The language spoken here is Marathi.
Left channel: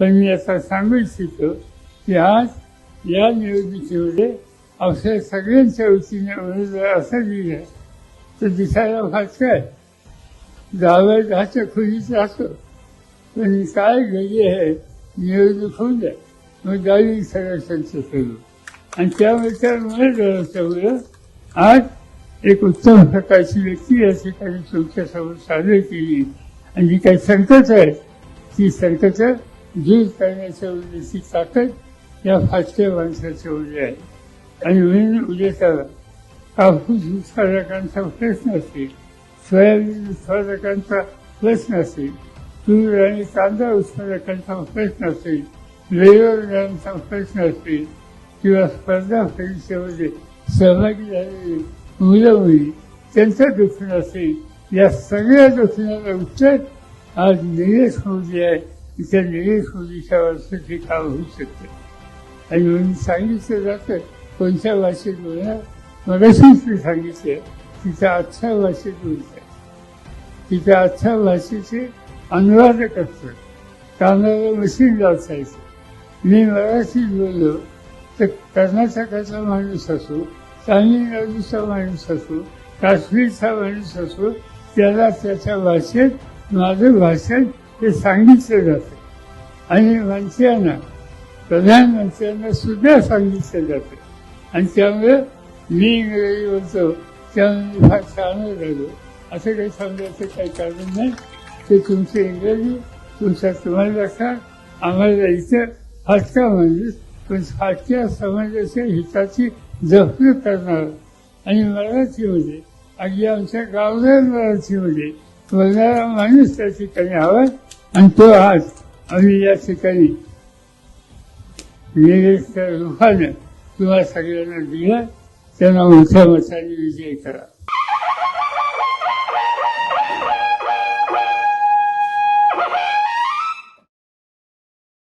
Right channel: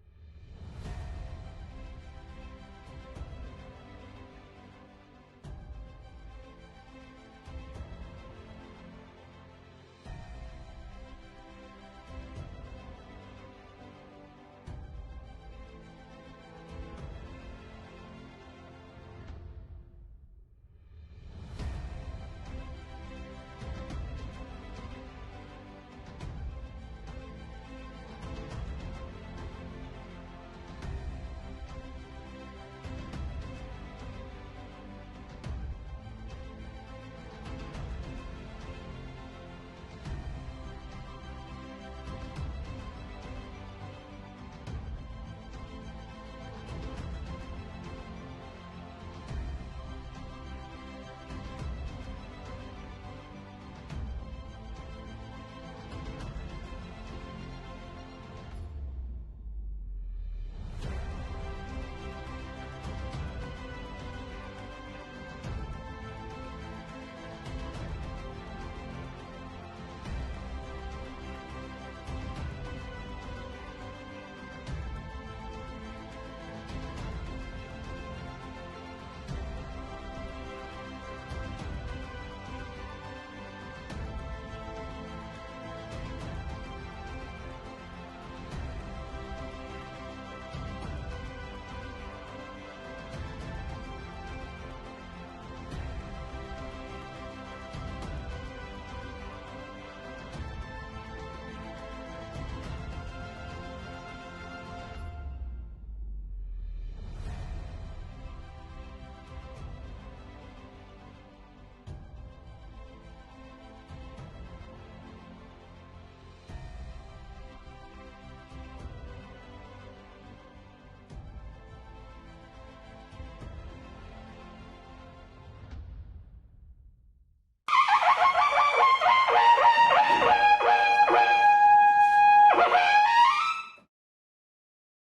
पण मी आता सांगू इच्छितो की आज या निवडणुकीमध्ये अवघ्या सगळ्यांच्या वतीने उमेदवार असं लिहिलं तर दिसायला फारसं आहे. 10 खोलीचा असतो पण काय घडी आहे निवडणूक होऊन जाईल मग गावी सगळ्यांचं करू आणि त्यामुळे त्या उमेदवाराच्यामुळं आज एक उत्तम प्रकारची व्यक्ती या ठिकाणी तुमच्यासमोर सादर केली आणि जी काही संकट आहे ती संकट दूर करण्याच्या उद्देशी ताकद या फाटक्या माणसाच्या उद्या आहे. आणि म्हणून उद्याचा कापूस उत्पादकांचा प्रश्न असेल, सोयाबीन उत्पादकांचा प्रश्न असेल, तूर आणि कांदा उत्पादकांचा प्रश्न असेल, वेगवेगळ्यांचा प्रश्न असेल किंवा स्पर्धा परीक्षेमध्ये सहभागी झालेली मुलं मुली त्यांचं दुखणं असेल, या सगळ्या दुखण्याला उत्तर आज निलेश मोदी आहे. त्या निलेश मोदीच्या वर्षाची काम होऊ शकते. आणि म्हणून सांगितलं जातं कोणत्या भाषेत बोलणार मगाशीच मी सांगितलं तिच्या आजच्या भाषेत बोलतात, तिच्या आजच्या भाषेचे अनुवादक असतात. कानाला मशीन लावायचं. मी मराठीत बोललो तर कर्नाटकाचा माणूस असो, तामिळनाडूचा माणूस असो, काश्मीरचा माणूस असो, त्याला त्याच्या भाषेत माझं भाषण हे सांगितलं जातं आणि मंत्र्यांना प्रधानमंत्र्यांना सुद्धा सांगितलं जातं. आणि त्यामुळे मी इंग्रजी बोलतो त्यामुळे फार छान राहिलो असं काही सांगायचं काही कारण नाही. ते तुमचं इंग्रजी तुम्हाला लक्षात आम्हाला इथं फाटका माणूस पण फाटक्या समाजाच्या हिताची जपणूक करणार आणि मराठीमध्ये अगदी आमच्या गावरान मराठीमध्ये बोलणारा माणूस त्या ठिकाणी हवा आणि तो आज आम्ही या ठिकाणी निलेशच्या रूपानं तुम्हाला सगळ्यांना दिला. त्यांना मोठ्या मताने विजय करा.